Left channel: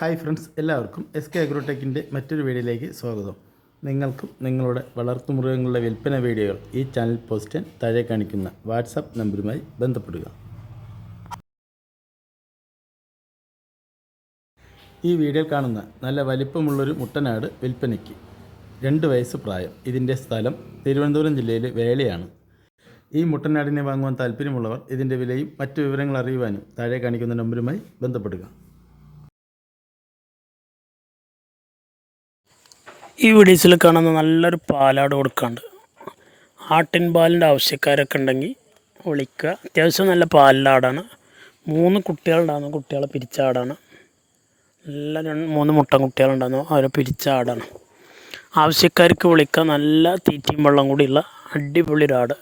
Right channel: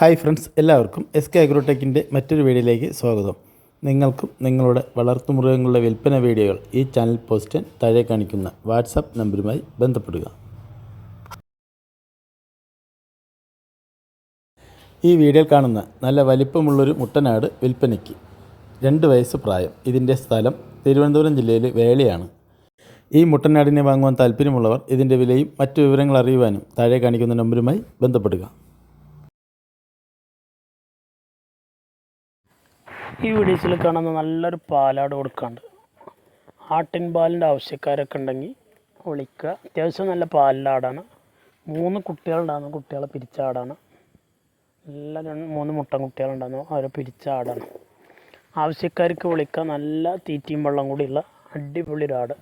Hi friends, എല്ലാവർക്കും S K അഗ്രോടെക്കിൻ്റെ മറ്റൊരു വീഡിയോയിലേക്ക് സ്വാഗതം. നിങ്ങൾക്കും നിങ്ങളുടെ വളർത്തുമൃഗങ്ങളുടെ വിൽപ്പന വീഡിയോകൾ ഈ ചാനൽ പോസ്റ്റ് ചെയ്യാൻ താഴെ കാണിക്കുന്ന വാട്സാപ്പ് നമ്പറുമായി ബന്ധപ്പെടുക. ഈ വീഡിയോയിൽ കാണുന്ന നല്ല വലിപ്പമുള്ളൊരു മുട്ടനാട് വിൽപ്പനയ്ക്ക്. 2 വയസ്സ് പ്രായം. ഇതിൻ്റെ സ്ഥലം തിരുവനന്തപുരം ജില്ലയിലെ വേളയാണ്. ഈ മുട്ടനാടിനെ വാങ്ങുവാൻ താല്പര്യമുള്ളവർ ഇതിൻ്റെ വിലയും മറ്റു വിവരങ്ങൾ അറിയുവാനും താഴെ കാണിക്കുന്ന നമ്പറുമായി ബന്ധപ്പെടുക. ഈ വീഡിയോസിൽ കാണുന്ന നല്ലൊരു പാലാട് കൊടുക്കാണ്ട്. ആട്ടിൻ പാലിൻ്റെ ആവശ്യക്കാരൊക്കെ ഉണ്ടെങ്കിൽ വിളിക്കുക. അത്യാവശ്യം നല്ല പാലിൻ്റെ ആടാണ്. 3 കുട്ടികളുണ്ടാകുന്ന കുട്ടികളെ പിരിച്ച ആടാണ്. നല്ല 3 മുട്ടൻ കുട്ടികളുണ്ടാകുന്നു, അവരെ പിരിച്ച ആടാണ്. ആവശ്യക്കാർക്ക് വിളിക്കുക. നല്ല തീറ്റയും വെള്ളം കൂടിയുള്ള അടിപൊളി ഒരാട്.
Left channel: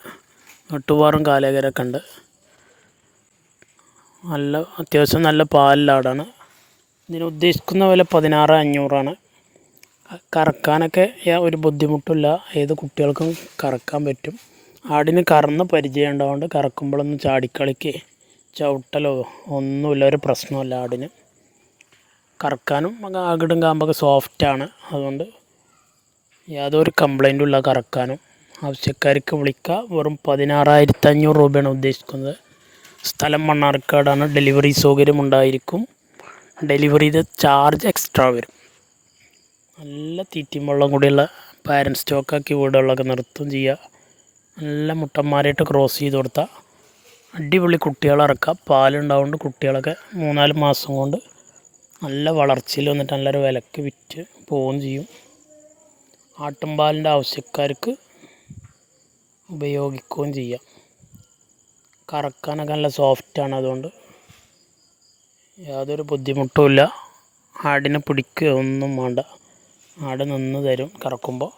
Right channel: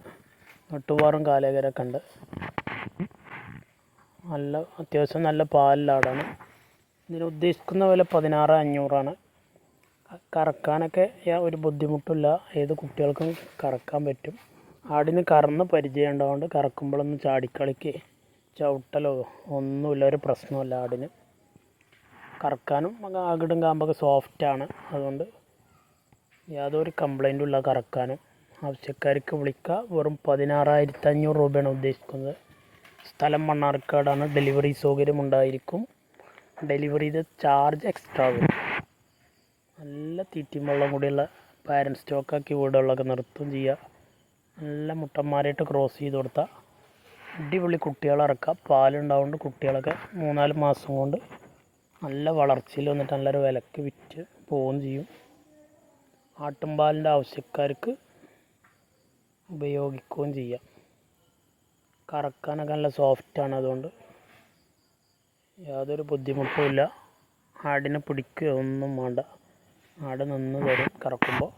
വെട്ടുപാറും കാലേകരൊക്കെ ഉണ്ട്. അത്യാവശ്യം നല്ല പാലിലാടാണ്. ഇതിന് ഉദ്ദേശിക്കുന്ന വില 16,500 കറക്കാനൊക്കെ ഒരു ബുദ്ധിമുട്ടില്ല. ഏത് കുട്ടികൾക്കും കറക്കാൻ പറ്റും. ആടിന് കറന്ന് പരിചയം ഉണ്ടാവുകൊണ്ട് കറക്കുമ്പോഴൊന്നും ചാടിക്കളിക്ക് ചവിട്ടലോ ഒന്നുമില്ല, ഒരു പ്രശ്നമല്ല. ആടിന് കറക്കാനും അകിടും കാമ്പൊക്കെ സോഫ്റ്റാണ്. അതുകൊണ്ട് യാതൊരു കംപ്ലൈൻറ്റും ഇല്ല കറക്കാനും. ആവശ്യക്കാർക്ക് വിളിക്കുക. വെറും 16,500 രൂപയാണ് ഉദ്ദേശിക്കുന്നത്. സ്ഥലം മണ്ണാർക്കാടാണ്. ഡെലിവറി സൗകര്യം ഉണ്ടായിരിക്കും. ഡെലിവറിയുടെ ചാർജ് എക്സ്ട്രാ വരും. നല്ല തീറ്റയും വെള്ളം കൂടിയുള്ള പാരൻറ്റ് സ്റ്റോക്കാക്കി വീടുകളിലൊക്കെ നിർത്തുകയും ചെയ്യുക. നല്ല മുട്ടന്മാരായിട്ട് ക്രോസ് ചെയ്ത് കൊടുത്താൽ അടിപൊളി കുട്ടികളെ ഇറക്കാം. പാലുണ്ടാവുകൊണ്ട് കുട്ടികളൊക്കെ 3-4 മാസം കൊണ്ട് നല്ല വളർച്ചയിൽ വന്നിട്ട് നല്ലൊരു വിലക്ക് വിറ്റ് പോവുകയും ചെയ്യും. ആട്ടുംപാലിൻ്റെ ആവശ്യക്കാർക്ക് ഉപയോഗിക്കുകയും ചെയ്യാം. കറക്കാനൊക്കെ നല്ല സോഫ്റ്റാണ്. അതുകൊണ്ട് യാതൊരു ബുദ്ധിമുട്ടുമില്ല. ആടിനെ പിടിക്കുക ഒന്നും വേണ്ട. ആട് നിന്ന് തരും കറക്കുമ്പോൾ.